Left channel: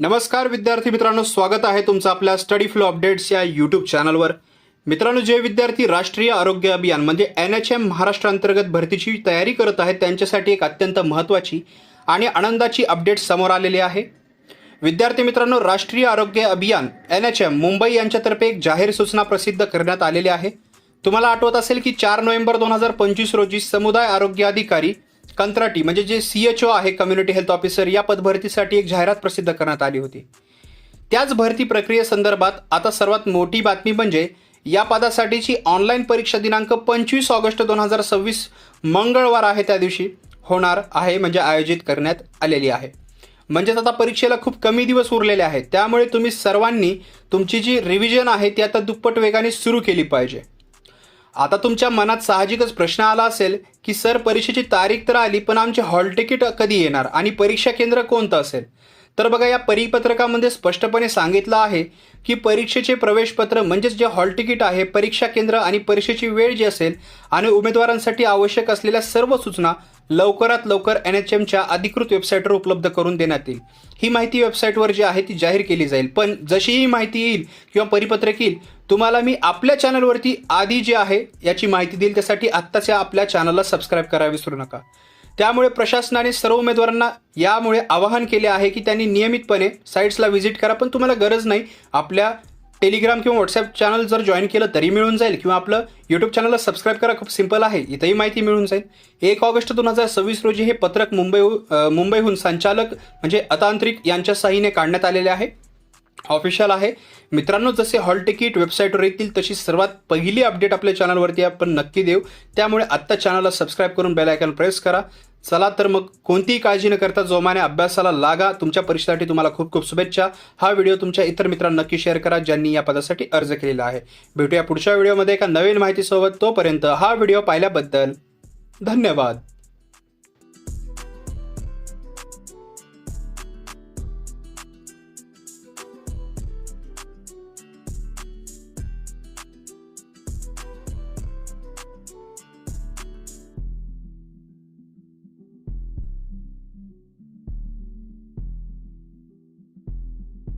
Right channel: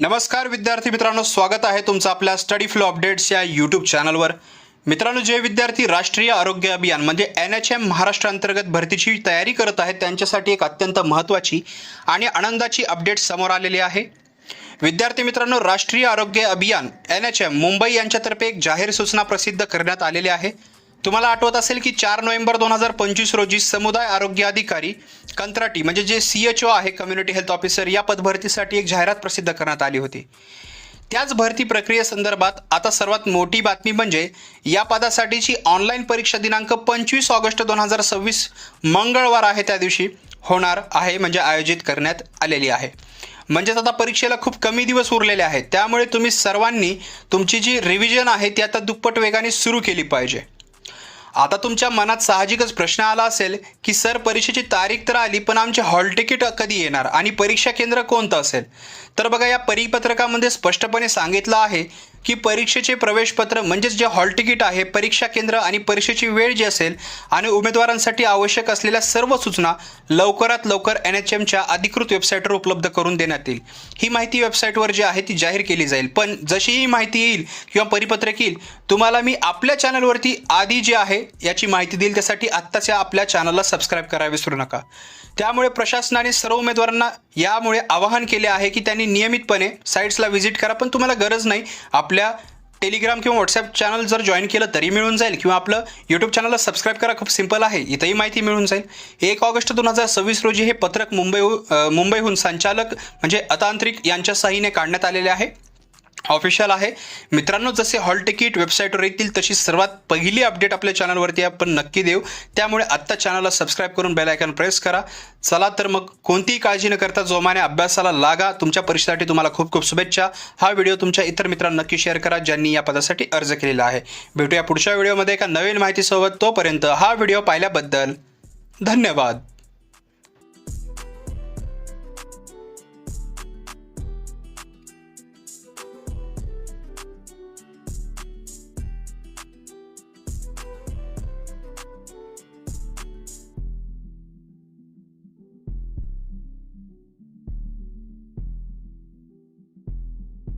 नमस्कार विद्यार्थी मित्रांनो, स्वागत आहे तुमचं आपल्या स्टडी फ्लो अपडेट्स या यूट्यूब चॅनलवर। मित्रांनो, जे विद्यार्थी राष्ट्रीय आरोग्य अभियान म्हणजे NHM महाराष्ट्र अंतर्गत भरतीची तयारी करत आहेत त्यांच्यासाठी एक अत्यंत महत्त्वाची आणि आनंदाची अपडेट समोर आलेली आहे। विद्यार्थी मित्रांनो, राष्ट्रीय आरोग्य अभियान NHM मुंबई यांच्यातर्फे एक जाहीर सूचना प्रसिद्ध करण्यात आलेली आहे। तुम्हाला आठवत असेल की 4 नोव्हेंबर 2025 रोजी समुदाय आरोग्य अधिकारी कंत्राटी म्हणजे जे CHO आहे, कम्युनिटी हेल्थ ऑफिसर, या पदभरतीसाठी एक जाहिरात प्रसिद्ध करण्यात आली होती। त्याच भरती प्रक्रियेसंदर्भात आता सर्वात मोठी बातमी म्हणजे या पदासाठीची ऑनलाईन परीक्षा दिनांक 25 ऑगस्ट 2026 मंगळवार आहे त्या दिवशी होणार आहे, म्हणजे आयोजित करण्यात आलेली आहे। म्हणजेच आता परीक्षेला खूप कमी दिवस उरलेले आहेत, त्यामुळे तुम्ही सर्वांनी तुमची जी रिव्हिजन आहे ती आता दुप्पट वेगाने सुरू केली पाहिजे। आता तुमच्या मनात साहजिकच प्रश्न आला असेल की सर, परीक्षेची तारीख तर आली, पण आमचे हॉल तिकीट कधी येणार आणि परीक्षा केंद्र कोणतं असेल? तर बघा, या परिपत्रकामध्ये स्पष्टपणे सांगितलं आहे की परीक्षेचे प्रवेशपत्र म्हणजेच जे हॉल तिकीट आहे, परीक्षा केंद्र आणि परीक्षेची वेळ जी असेल आणि उमेदवारांसाठी आवश्यक असलेल्या सर्व सूचना लवकरात लवकर NHMच्या अधिकृत वेबसाईटवर उपलब्ध करून देण्यात येईल। ही माहिती वेबसाईटवर जी आहे ती जाहीर केली जाईल, पण जशी ही माहिती येईल किंवा परिपत्रक येईल तुम्हाला मी आपल्या चॅनलवरती आधी जे आहे याची माहिती देईल। त्यासाठी आत्ताच आपल्या चॅनलला सबस्क्राईब करायला विसरू नका। त्यामुळे प्रशासनाने सर्व उमेदवारांना यामुळे आवाहन केले आहे की त्यांनी नियमितपणे साईट्सला व्हिजिट करा, पण तुम्हाला गरज नाही, आपल्या टेलिग्राम किंवा व्हॉट्सॲप चॅनल जर जॉईन केलं तरी मिळून जाईल, किंवा आपलं यूट्यूब चॅनलला सबस्क्राईब करा, खूप सिंपल आहे, इथंही माहिती मिळून जाईल। 1 ऑगस्ट 2026 रोजी हे पत्रक मुंबईहून संचालक म्हणजे अतांत्रिक यांच्या सहीने काढण्यात आलेले आहे, ऑफिशियल आहे। मित्रांनो, जसे हॉल तिकीट वेबसाईटवर येतील तशी सर्वात पहिली अपडेट आपल्या चॅनलवरती आपण नक्की देऊ, त्यामुळे आत्ता चॅनलला सबस्क्राईब करून बेल आयकॉन प्रेस करा। चला तर मग कोणतीही काळजी न करता जोमाने अभ्यासाला लागा। तुमच्या परीक्षेसाठी तुम्हाला खूप खूप शुभेच्छा। हा व्हिडिओ तुमच्या इतर मित्रांना नक्की शेअर करा ज्यांनी या पदासाठी अर्ज केलेला आहे। भेटूया पुढच्या व्हिडिओमध्ये एका नवीन माहितीसोबत। तोपर्यंत हा व्हिडिओ पाहिल्याबद्दल धन्यवाद।